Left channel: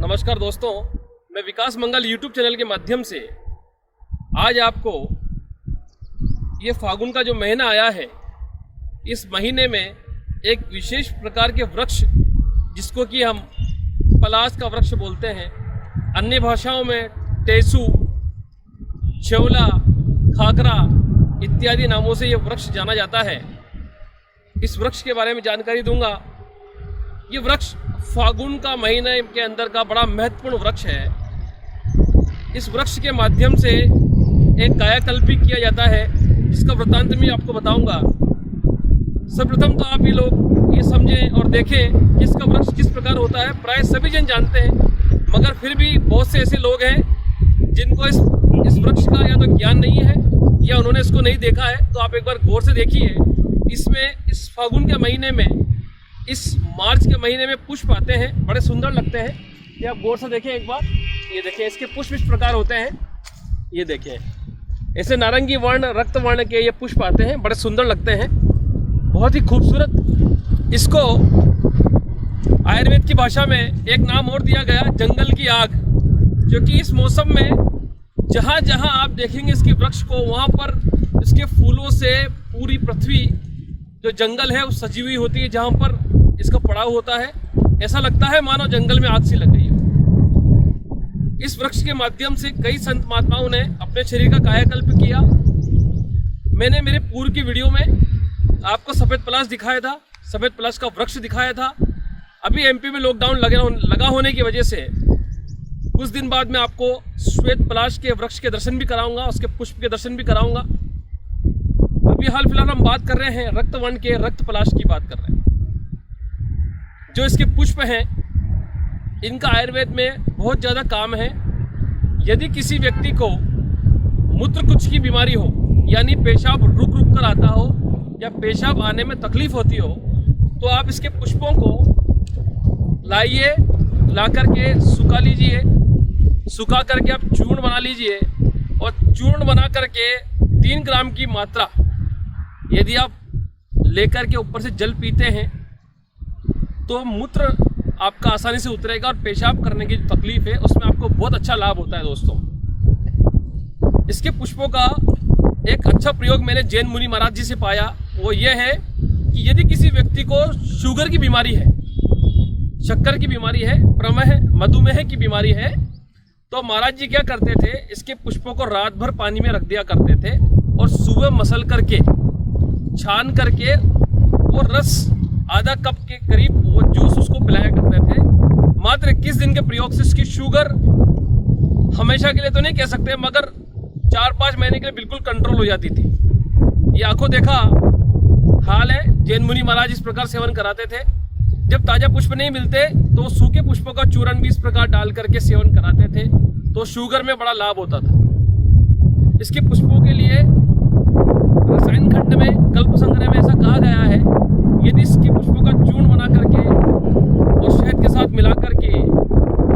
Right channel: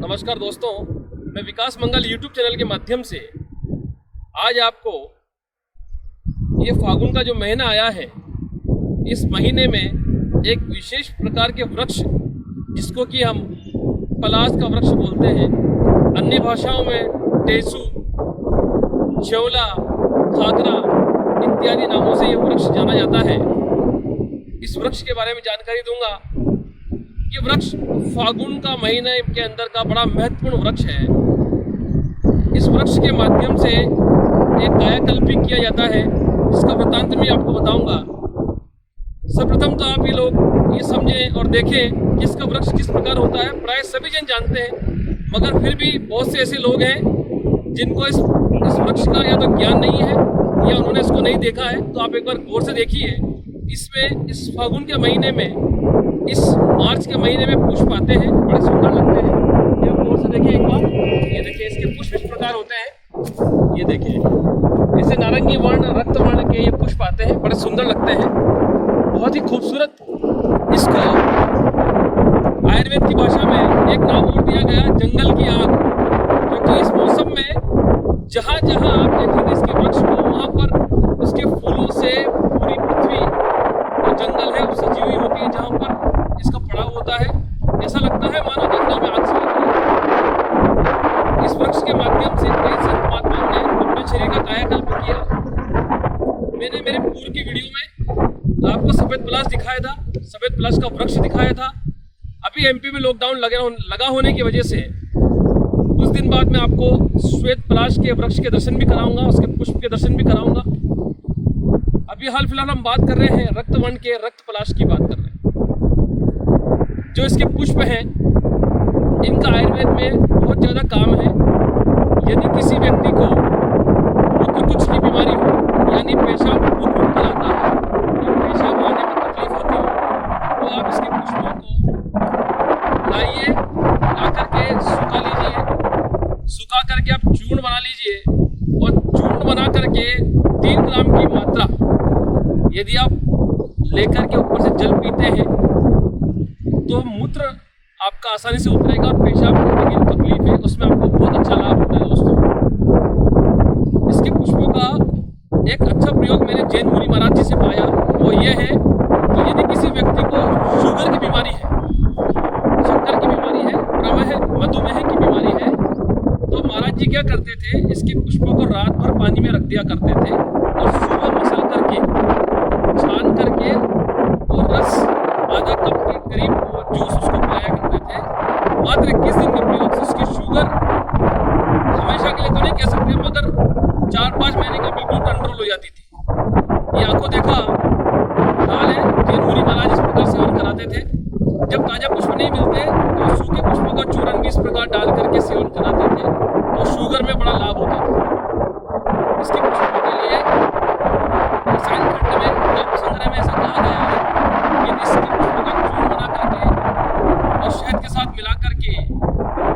नमस्कार दोस्तों, मैं विकास मंगल यूट्यूब चैनल के माध्यम से आज आपको ये फागुन का जो महीना आया है, इस महीने में एक विशेष प्रकार के वृक्ष जिसको कि हम पलाश का वृक्ष बोलते हैं, अन्य भाषाओं में टेसू, च्यवला, खागरा इत्यादि नामों से ये वृक्ष जाना जाता है। इस वृक्ष के बारे में जानकारी दूंगा। ये वृक्ष फागुन का महीने के अंदर का बड़ा महत्वपूर्ण वृक्ष है। इस वृक्ष के माध्यम से एक कायाकल्प भी किया जाता है, जिसका वृत्तांत मैं आपको बताऊंगा। सर्वप्रथम तो आप ये लोग ये समझें और देखें कि इसका वृक्ष किस प्रकार होता है। प्राय सभी जन जानते हैं, मगर फिर भी बहुत से ऐसे लोग हैं जिनको इस वृक्ष का या तो ज्ञान नहीं है या उन्होंने इसको नहीं देखा है। तो आप एक बार गौर से देखिए। इसमें इस फागुन के महीने में, इस मार्च के महीने में पुष्प आते हैं, बड़े सुंदर लगते हैं। ये आप गौर से देखिए एक बार। ये देखिए, इसके पुष्प इस प्रकार होते हैं। ये देखिए, ऐसे नारंगी वर्ण, रक्त वर्ण के ये पुष्प आते हैं, बड़े सुंदर लगते हैं, बहुत ही खूबसूरत। इसको आयुर्वेद की भाषा में एक नाम और दिया गया, जंगल की आग, जो कि इस मौसम में जहाँ जहाँ आप देखेंगे इसके वृक्ष को, वहाँ पर इसके फूलों से पूरी पृथ्वी जो जंगल है वो सजी हुई होती है। जहाँ पर इसका पड़ाव होता है, ऐसा लगता है मानो जंगल में आग सी लग रही है। इस वृक्ष के माध्यम से कई संत महात्माओं ने अपने शरीर का कायाकल्प किया। मैंने मेरे पूर्व की वीडियो में आपको सफ़ेद पलाश दिखाया था, सफ़ेद पलाश का वृक्ष दिखाया था। अभी एमपी में लॉकडाउन लगा होने की वजह से कुछ दिन बाद मैं आपको श्वेत पलाश के वृक्ष के दर्शन भी कराऊंगा, उसके पुष्प के दर्शन भी कराऊंगा। अभी हाल फिलहाल हम बात कर रहे हैं रक्तवर्ण के, रक्त पलाश की बात कर रहे हैं। जो इसके पुष्प हैं, इनका आयुर्वेद में बहुत ज़्यादा काम है। यदि किसी व्यक्ति को मूत्रकुच की बीमारी हो, यानी पेशाब रुक कर आता हो या पेशाब आने में तकलीफ होती हो, तो आप इसके पुष्पों को लाइए, ला करके सुखा लीजिए, सुखा करके आप चूर्ण बना लीजिए, और चूर्ण बना करके 3 ग्राम की मात्रा यदि आप लेकर के ऊपर से जल पीते हैं तो मूत्र आपका आसानी से उतरेगा, और पेशाब करने की जो तकलीफ है उसमें आपको बहुत अच्छा लाभ होता है दोस्तों। इसके पुष्पों का एक अच्छा प्रयोग मैंने जैन मुनि महाराज जी से पाया। वो ये है कि यदि किसी व्यक्ति को शुगर की बीमारी है, शक्कर की बीमारी है, प्रमेह, मधुमेह की बीमारी है, तो महाराज जी क्या करते थे, इसके पुष्पों को रात भर पानी में रख दिया करते थे और सुबह मसल करके, छान करके वो रस आधा कप के करीब वो जूस उसको पिलाया करते थे। मात्र 21 दिन के प्रयोग से इसकी शुगर हमेशा के लिए तो नहीं कह सकते, मगर 4-5 महीने के लिए बिल्कुल कंट्रोल हो जाती थी। ये आंखों देखा हाल है। जैन मुनि महाराज इस प्रकार सेवन कराते थे। जब ताज़ा पुष्प नहीं मिलते तो सूखे पुष्पों का चूर्ण भी इस प्रकार डाल करके सेवन कराते थे, तो शुगर में बड़ा लाभ होता था। इसके पुष्पों के लिए रसायन खंड में, कल्प संग्रह में ऐसा कहा गया है, यदि इसके पुष्पों का चूर्ण बना करके और शहद के साथ मिला करके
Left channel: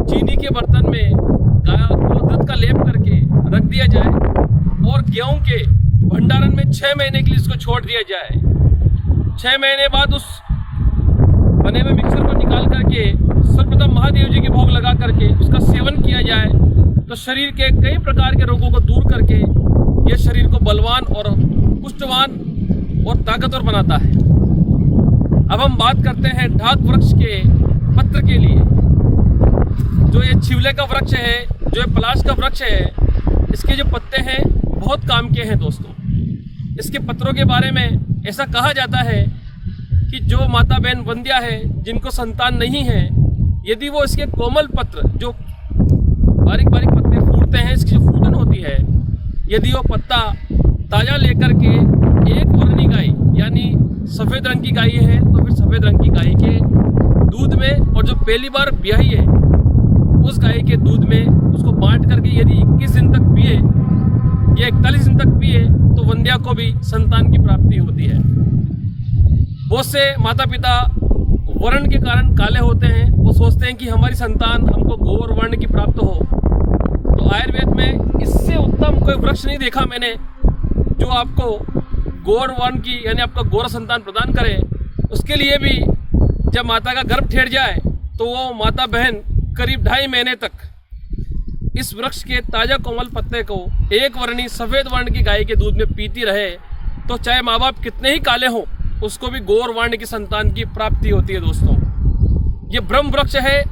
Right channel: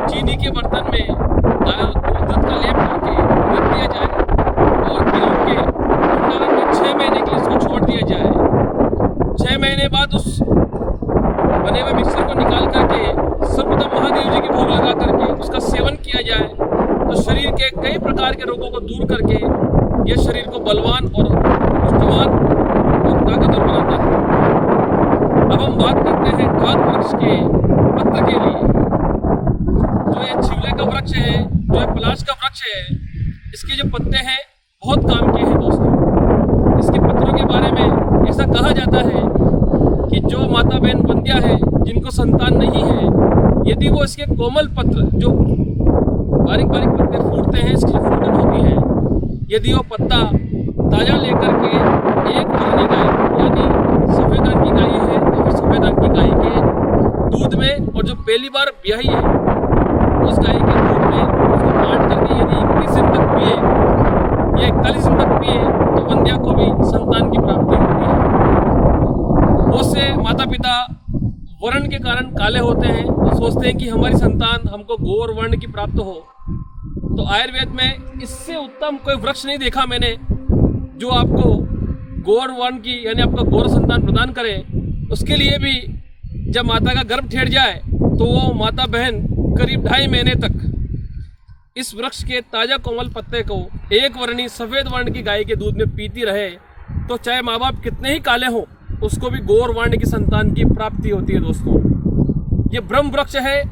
चीनी के बर्तन में दूध का लेप करके रख दिया जाए और गेहूं के भंडारण में 6 महीने के लिए इसको छोड़ दिया जाए। 6 महीने बाद उस बने हुए मिक्सर को निकाल करके सर्वप्रथम महादेव जी के भोग लगा करके उसका सेवन किया जाए, तो शरीर के कई प्रकार के रोगों को दूर करके यह शरीर को बलवान और पुष्टवान और ताकतवर बनाता है। अब हम बात करते हैं ढाक वृक्ष के पत्र के लिए। जो ये छिवले का वृक्ष है, जो ये पलाश का वृक्ष है, इसके जो पत्ते हैं बहुत काम के हैं दोस्तों। इसके पत्रों के बारे में ऐसा कहा जाता है कि जो माता बहन वंध्या है, जिनको संतान नहीं है, यदि वो इसके कोमल पत्र, जो बारीक बारीक पत्ते फूटते हैं, इसकी जो फूटन होती है, यदि वो पत्ता ताज़ा लेकर के एक वर्णी गाय, यानी सफ़ेद रंग की गाय है तो फिर सफ़ेद रंग की गाय के दूध में, और जो पहली बार ब्याही है उस गाय के दूध में उसको बांट करके यदि 21 दिन तक पिए या 41 दिन तक पिए, तो वंध्या को भी संतान की प्राप्ति होती है। बहुत से माता पिता वर्ण के कारण काले होते हैं, वो सोचते हैं कि हमारी संतान हमको गौर वर्ण की प्राप्त हो। तो आयुर्वेद में इससे उत्तम कोई वृक्ष नहीं देखा मैंने जो आपको गौर वर्ण की, यानी आपका गौर संतान प्रदान करे। उसके लिए भी जब माता का गर्भ ठेठ जाए तो वो माता बहन करीब 2.5 महीने तक इस वृक्ष के ताज़ा कोमल पत्ते को एक वर्णी सफ़ेद वर्ण की गाय के दूध में पीती रहे तो चाहे माँ बाप कितने ही काले हों, उसको भी गौर वर्ण की संतान की प्राप्ति होती है। दोस्तों, ये ब्रह्म वृक्ष है,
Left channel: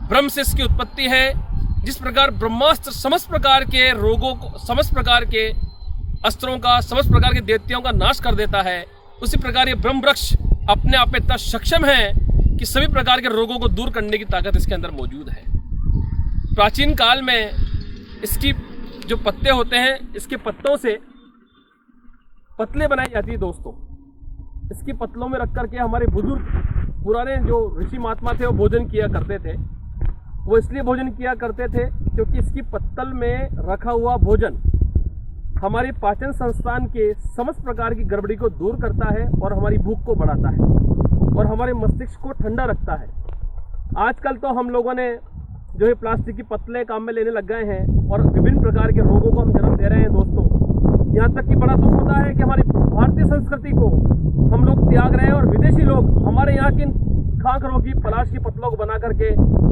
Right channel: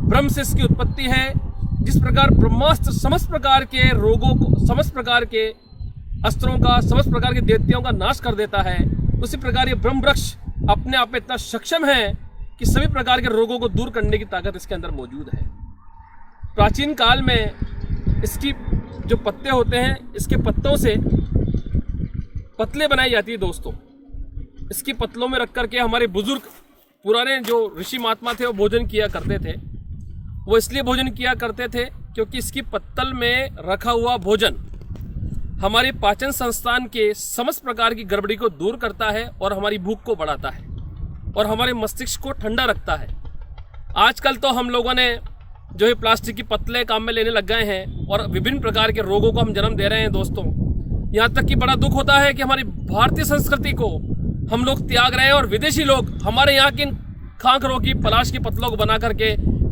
ब्रह्म से इसकी उत्पत्ति है। जिस प्रकार ब्रह्मास्त्र समस्त प्रकार के रोगों को, समस्त प्रकार के अस्त्रों का, समस्त प्रकार के दैत्यों का नाश कर देता है, उसी प्रकार ये ब्रह्म वृक्ष अपने आप में इतना सक्षम है कि सभी प्रकार के रोगों को दूर करने की ताकत इसके अंदर मौजूद है। प्राचीन काल में इसकी जो पत्ते होते हैं, इसके पत्तों से पतले बनाई जाती है। दोस्तों, इसकी पतलों में रख करके हमारे बुजुर्ग पुराने जो ऋषि महात्मा थे वो भोजन किया करते थे। वो इसलिए भोजन किया करते थे क्योंकि इसकी पत्तल में रखा हुआ भोजन हमारी पाचन संस्थान के समस्त प्रकार की गड़बड़ी को दूर करता है और हमारी भूख को बढ़ाता है और हमारे मस्तिष्क को ठंडा रखता है। आजकल तो हम लोगों ने जो है प्लास्टिक की पत्तलें काम में लेने लग गए हैं और विभिन्न प्रकार के रोगों को हम जन्म दे रहे हैं। दोस्तों, यहाँ तक कि बड़ा दुख होता है कि हमारी भारतीय संस्कृति को हम लोग त्याग रहे हैं और विदेशी लोग हमारे यहाँ की खांखरों की पलाश की पत्तलों को बना करके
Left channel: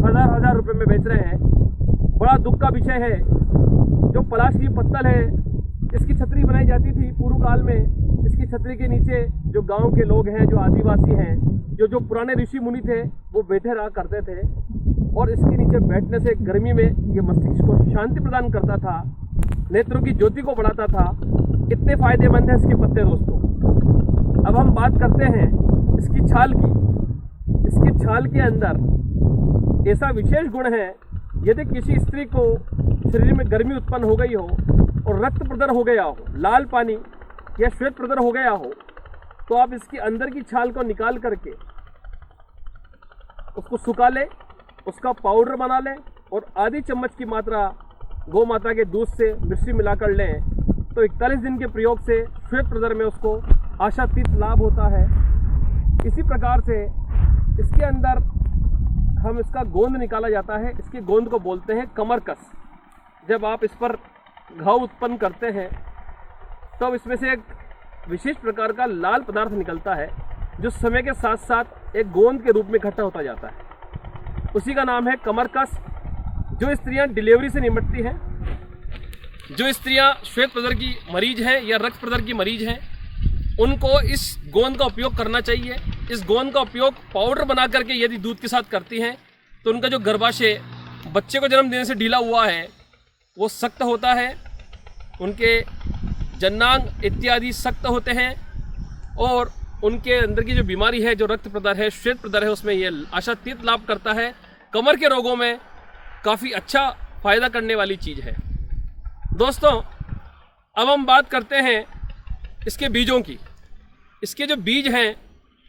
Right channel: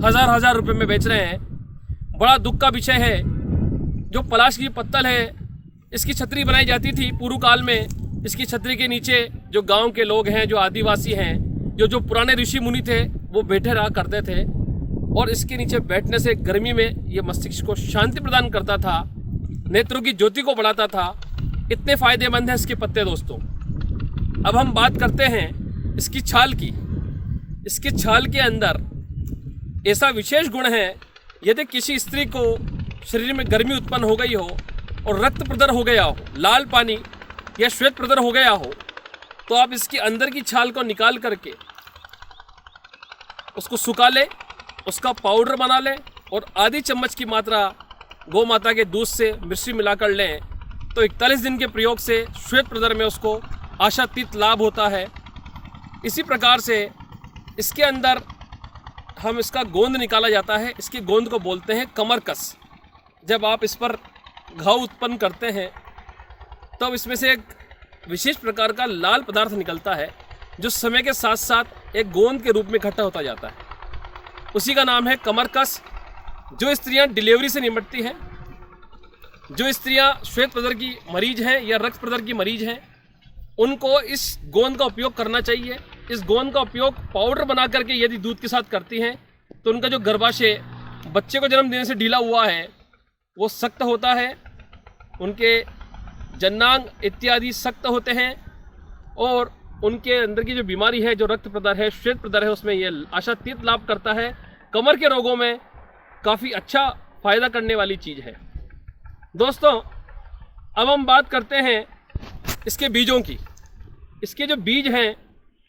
हजार रुपए में बेच रहे हैं। बड़ा दुख का विषय है। जो पलाश की पत्तल है, इसकी छतरी बनाई जाती थी पूर्व काल में। इसकी छतरी के नीचे जो गांव के लोग हैं, जो आदिवासी हैं, जो पुराने ऋषि मुनि थे, वो बैठे रहा करते थे और इसके नीचे बैठने से गर्मी में ये मस्तिष्क को शांति प्रदान करता था, नेत्रों की ज्योति को बढ़ाता था। इतने फायदेमंद हैं इसके पत्ते। दोस्तों, अब हम बात करते हैं इसकी छाल की। इसकी छाल के अंदर ऐसा विशेष गुण है, यदि किसी स्त्री को शरीर में गर्मी उत्पन्न हो गई हो और रक्त प्रदर हो गया हो, लाल पानी या श्वेत प्रदर हो गया हो, तो आप इसकी अंदर की छाल को निकाल करके उसको सुखा लें, उसका पाउडर बना लें और आधी चम्मच की मात्रा गौ माता के दूध से मिश्री मिलाकर लें तो 41 दिन के प्रयोग से श्वेत प्रदर में उसको आशातीत लाभ होता है। इसी प्रकार से इसके अंदर हम इसका गोंद निकाला जाता है। इसकी गोंद को बोलते हैं कमरकस। जब आप इस पर घाव उत्पन्न करते हैं तब इसमें से एक विशेष प्रकार का लाल पदार्थ निकलता है जो समय के साथ साथ एक गोंद के रूप में इकट्ठा होता जाता है। उसी का नाम है कमरकस। जो स्त्रियां डिलीवरी से निपटती हैं, जो स्त्रियां श्वेत प्रदर की मरीज हैं या रक्त प्रदर की मरीज हैं, उनको इस गोंद का उपयोग करना चाहिए। इस गोंद का उपयोग पाउडर बना करके यदि दूध के साथ करती हैं तो उनका जो गर्भाशय बच्चे को जन्म देने से ढीला हुआ है वो सख्त होता है, उनके जननांग इत्यादि सख्त होते हैं और उनके अंदर की जो बीमारी है, जो रक्त प्रदर है, श्वेत प्रदर है, उसमें ये आशातीत लाभ करता है। कमर के रोगों में काफ़ी अच्छा फ़ायदा करने वाली चीज़ है। दोस्तों, अब हम बात करते हैं इसके बीजों की। इसके जो बीज हैं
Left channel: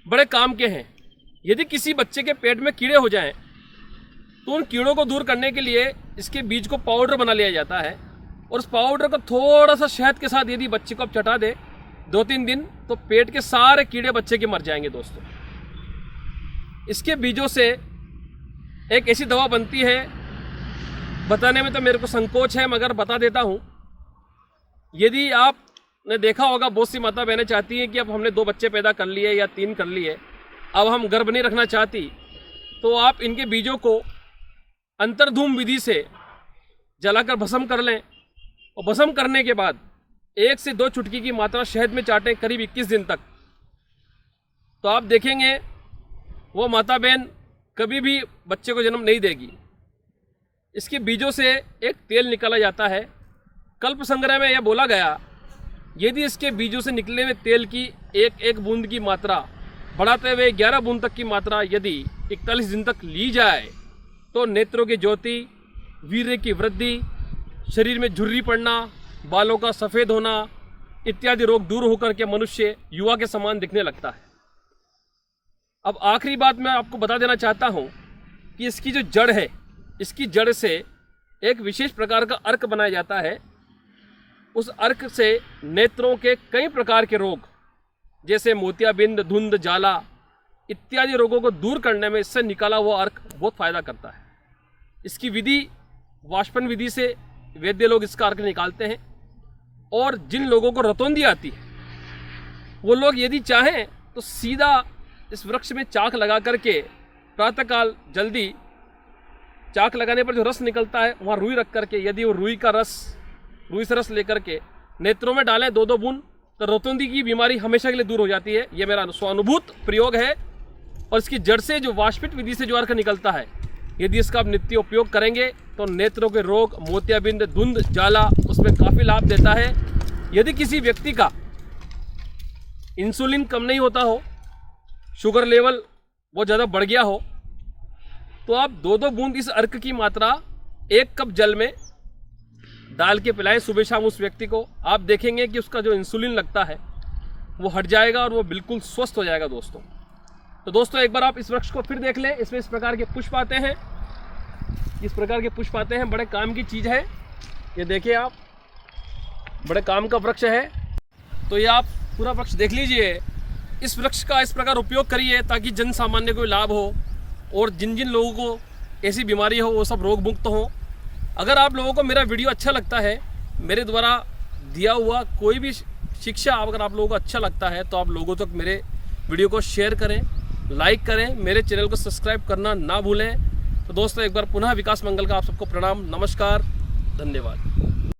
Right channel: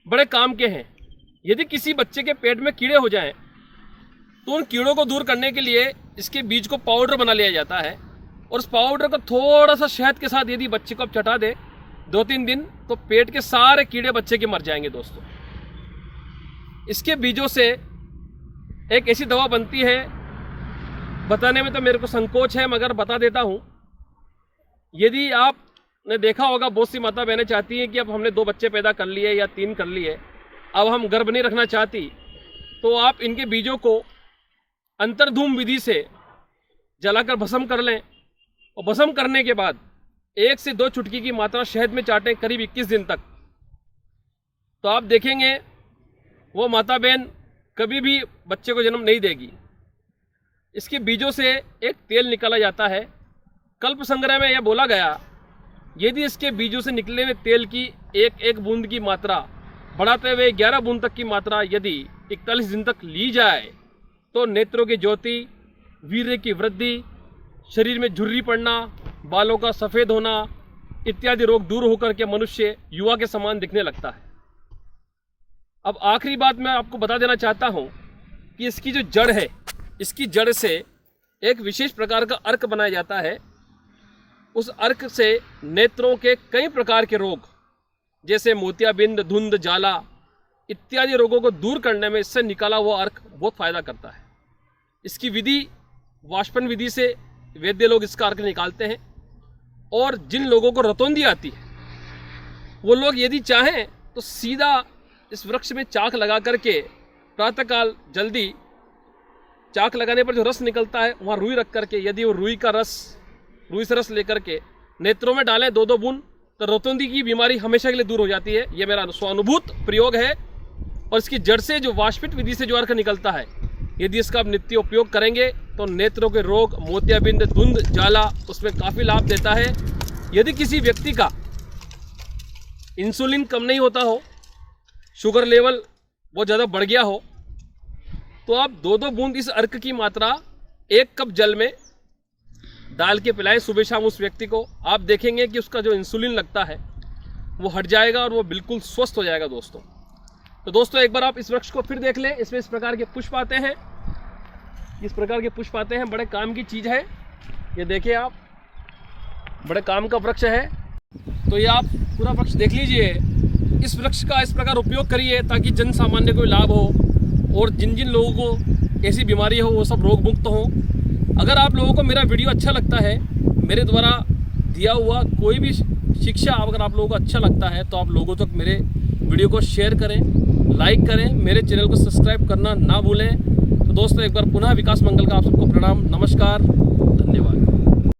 बड़े काम के हैं। यदि किसी बच्चे के पेट में कीड़े हो जाएं तो उन कीड़ों को दूर करने के लिए इसके बीज को पाउडर बना लिया जाता है और उस पाउडर को थोड़ा सा शहद के साथ यदि बच्चे को आप चटा दे 2-3 दिन तो पेट के सारे कीड़े बच्चे के मर जाएंगे। दोस्तों, इसके बीजों से एक ऐसी दवा बनती है, बताने में तो मेरे को संकोच है मगर बता देता हूँ। यदि आपने देखा होगा, बहुत सी माता बहनें चाहती हैं कि अब हमने 2 बच्चे पैदा कर लिए या 3 कर लिए, अब हम गर्भ नहीं रखना चाहती, तो आप इनके बीजों को अंतर्धूम विधि से जलाकर भस्म कर लें और भस्म करने के बाद 1 से 2 चुटकी की मात्रा शहद में चाटें करीब 21 दिन तक। तो आप देखेंगे वो माता बहन कभी भी बच्चे को जन्म नहीं देगी। इसके बीजों से एक तेल निकाला जाता है। कल्प संग्रह में यह बोला गया, यदि इसके बीजों से निकले हुए तेल की एक बूंद की मात्रा बढ़ाते हुए 11 बूंद तक की मात्रा यदि 41 दिन तक ली जाए तो नेत्रों की ज्योति, वीर्य की वृद्धि, शरीर में झुर्री पड़ना, बालों का सफ़ेद होना इत्यादि रोग दूर होकर के मनुष्य युवा के समान दिखने लगता है। अब आखिरी बात मैं आपको बता देना चाहता हूँ कि इसकी जो जड़ है, इसकी जड़ से एक विशेष प्रकार का अर्क बनाया जाता है। उस अर्क से नेत्रों के कई प्रकार के रोग जैसे मोतियाबिंद, धुंध, जाला इत्यादि रोगों को दूर करने में इससे निकाला हुआ अर्क बहुत फ़ायदा करता है। इसकी विधि वाष्पन विधि से वैद्य लोग इसका अर्क निकालते हैं और जिन लोगों को रतौंधी आती है वो लोग यदि चाहें तो सीधा इस वृक्ष में चाक लगा करके प्रातःकाल जल्दी चाक लगाने पर जो रस निकलता है वहाँ रुई रख करके यदि वो रुई से रस लेकर के नेत्रों में डालें 2-2 बूंद तो रोतुंदी की बीमारी हमेशा के लिए दूर हो जाती है। ये मेरा स्वानुभूत प्रयोग है और इसकी जड़ से जो वाष्पित विधि से जो अर्क निकलता है यदि इसका आप नित्य उपयोग करेंगे तो नेत्रों के रोग, मोतियाबिंद, धुंध, जाला उसमें काफ़ी लाभ देता है। यदि किसी व्यक्ति का इंसुलिन कम नहीं होता हो, शुगर लेवल बहुत ज़्यादा बढ़ गया हो, तो आप 2-2 बूंद इस अर्क की मात्रा 1 कप जल में डाल के पिलाएं सुबह शाम उस व्यक्ति को। आप देखेंगे कि उसका जो इंसुलिन लगता है वो हट जाएगा और वो बिल्कुल स्वस्थ हो जाएगा दोस्तों। तो दोस्तों एक बार आप इस वृक्ष को फिर देख लें। इसमें इस प्रकार के पुष्प आते हैं, बड़े काम की चीज़ है। ये देखिए आप, बड़े काम का वृक्ष है। तो ये आप पूरा वृक्ष देख लीजिए। इस वृक्ष का इस प्रकार उपयोग करिए ताकि जन सामान्य को लाभ हो और जिन जिन लोगों को ऐसी बीमारी हो वो सब रोग मुक्त हों। अगर आप लोगों को मेरा वीडियो अच्छा लगता है, मेरे द्वारा दिया हुआ कोई भी शिक्षा अगर आप लोगों को अच्छा लगता है तो आप लोगों तक मेरे वीडियो को शेयर करें, लाइक करें, मेरे चैनल को सब्सक्राइब करना ना भूलें। तो दोस्तों एक बार पुनः विकास मंगल का आप सबको प्रणाम, नमस्कार, धन्यवाद।